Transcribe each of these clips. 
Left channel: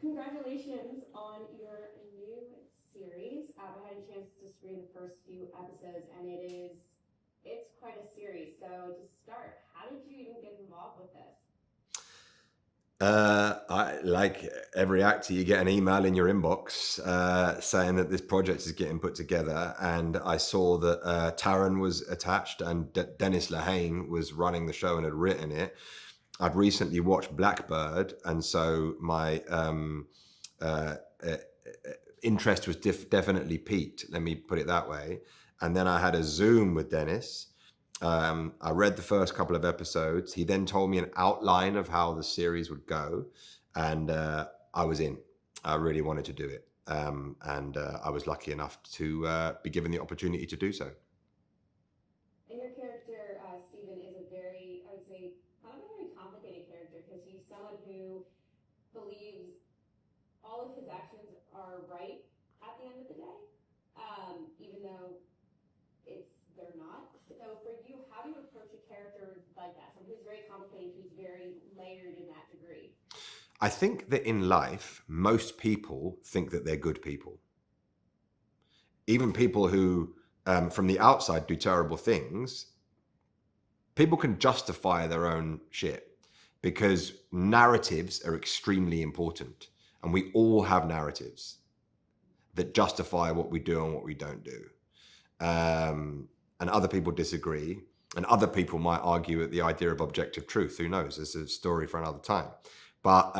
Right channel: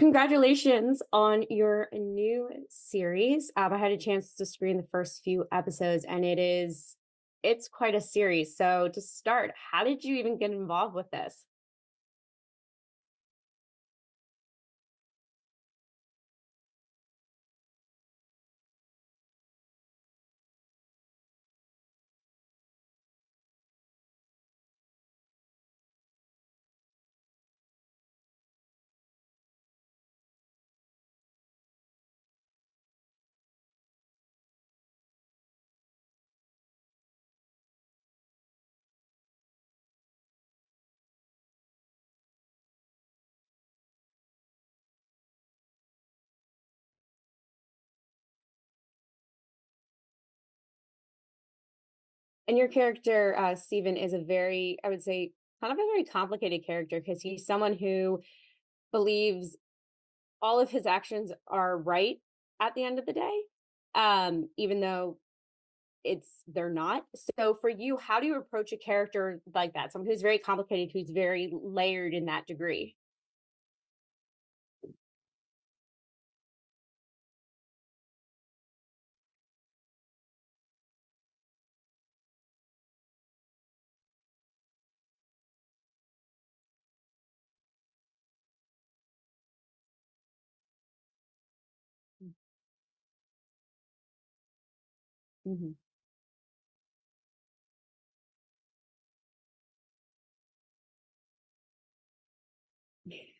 Congratulations on your new series. I had a chance to screen the first few episodes, and it's quite a series. So to start, how did you even get involved with this? Like every actor, you get an email in your inbox saying that this project is getting put together, and I saw that Taron was attached and Dennis Lehane was running the show and had written it. I'd recently watched Blackbird, and so my uh, uh, interest was definitely peaked. Let me put it that way. And then I had a Zoom with Dennis. I read the first couple of episodes. He then told me an outline of how the series would go, and I was in. I really wanted to do it, and I was lucky enough to be given the opportunity to do so. And your character, Stephen, is a very, I would say, kind of a very complicated character because he's someone who believes all of his actions are right at the end of the day, even though they're not. So for you, how do you approach a character like that? Someone who's very complicated, who's very layered in that degree. I think that in life, most people think that they're good people. Even people who, from the outside, do terrible things, people can justify their own shit because narratives are extremely important. And we all have narratives that justify what we do and what we don't do. And other people disagree, and other people might argue at the idea of objective truth. Who knows? It's a story for another time. But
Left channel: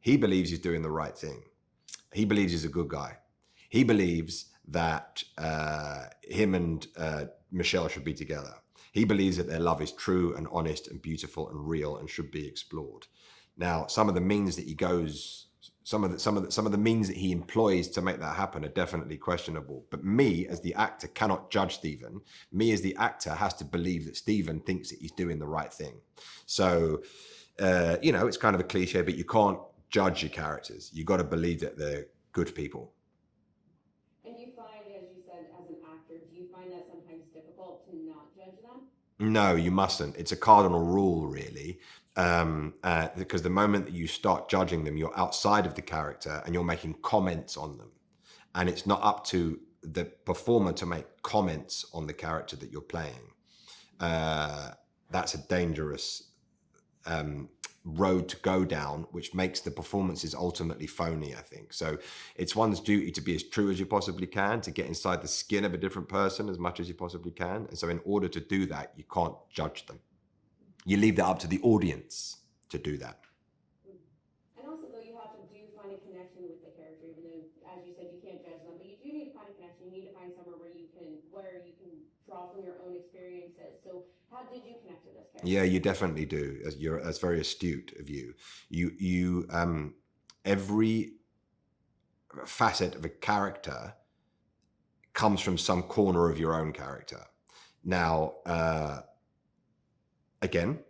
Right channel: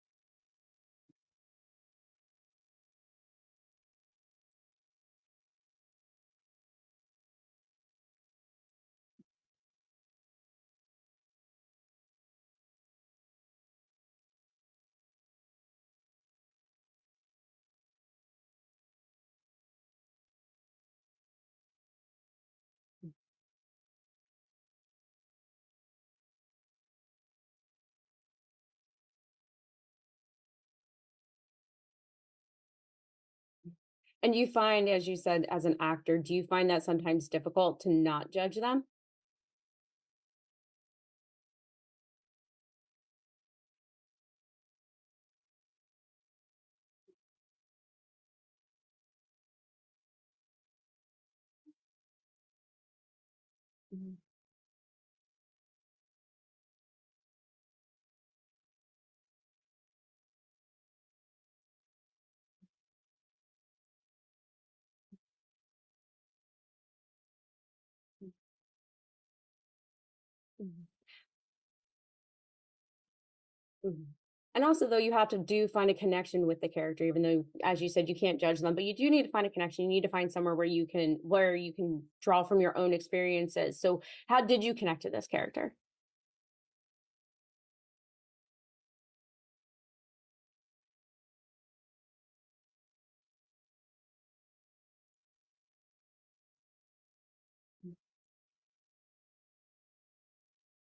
he believes he's doing the right thing. He believes he's a good guy. He believes that him and Michelle should be together. He believes that their love is true and honest and beautiful and real and should be explored. Now, some of the means that he goes, some of the means that he employs to make that happen are definitely questionable. But me, as the actor, cannot judge Stephen. Me, as the actor, has to believe that Stephen thinks that he's doing the right thing. So, it's kind of a cliche, but you can't judge your characters. You got to believe that they're good people. And you find, as you said, as an actor, do you find that sometimes difficult to not judge them? No, you mustn't. It's a cardinal rule, really. Because the moment that you start judging them, you're outside of the character and you're making comments on them. And it's not up to the performer to make comments on the character that you're playing. That's a dangerous road to go down, which makes the performances ultimately phony, I think. So it's one's duty to be as true as you possibly can, to get inside the skin of a different person as much as you possibly can. And so in order to do that, you can't judge them. You leave that up to the audience to do that. And also, though, you have to find a connection with the character, even though, as you said, you can't judge them, but you do need to find a connection. You need to find somewhere where you can draw from your own experiences. So how did you connect to this character? Yeah, you definitely do. That's very astute of you. You every facet of a character comes from some corner of your own character. Now, again,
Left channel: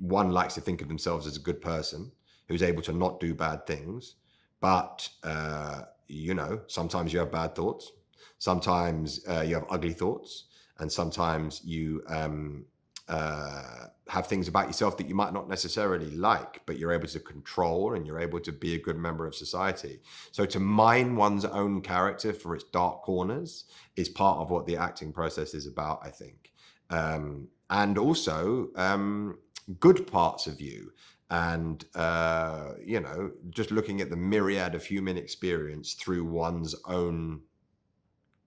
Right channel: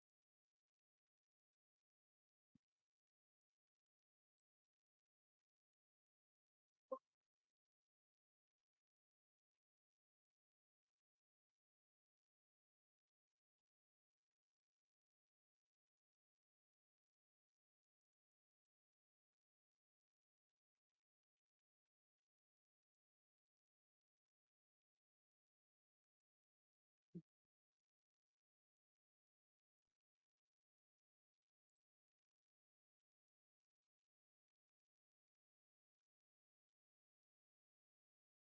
one likes to think of themselves as a good person who's able to not do bad things. But, sometimes you have bad thoughts. Sometimes you have ugly thoughts. And sometimes you have things about yourself that you might not necessarily like, but you're able to control and you're able to be a good member of society. So to mine one's own character for its dark corners is part of what the acting process is about, I think. And also good parts of you. And, just looking at the myriad of human experience through one's own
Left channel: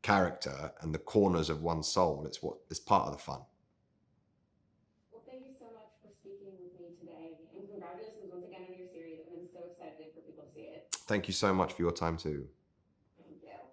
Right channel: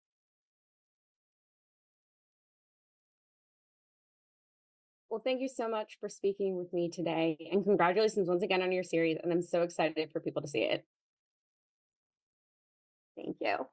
character and the corners of one's soul, it's part of the fun. Well, thank you so much for speaking with me today. And congratulations once again on your series. And I'm so excited for people to see it. Thank you so much for your time too. Thank you.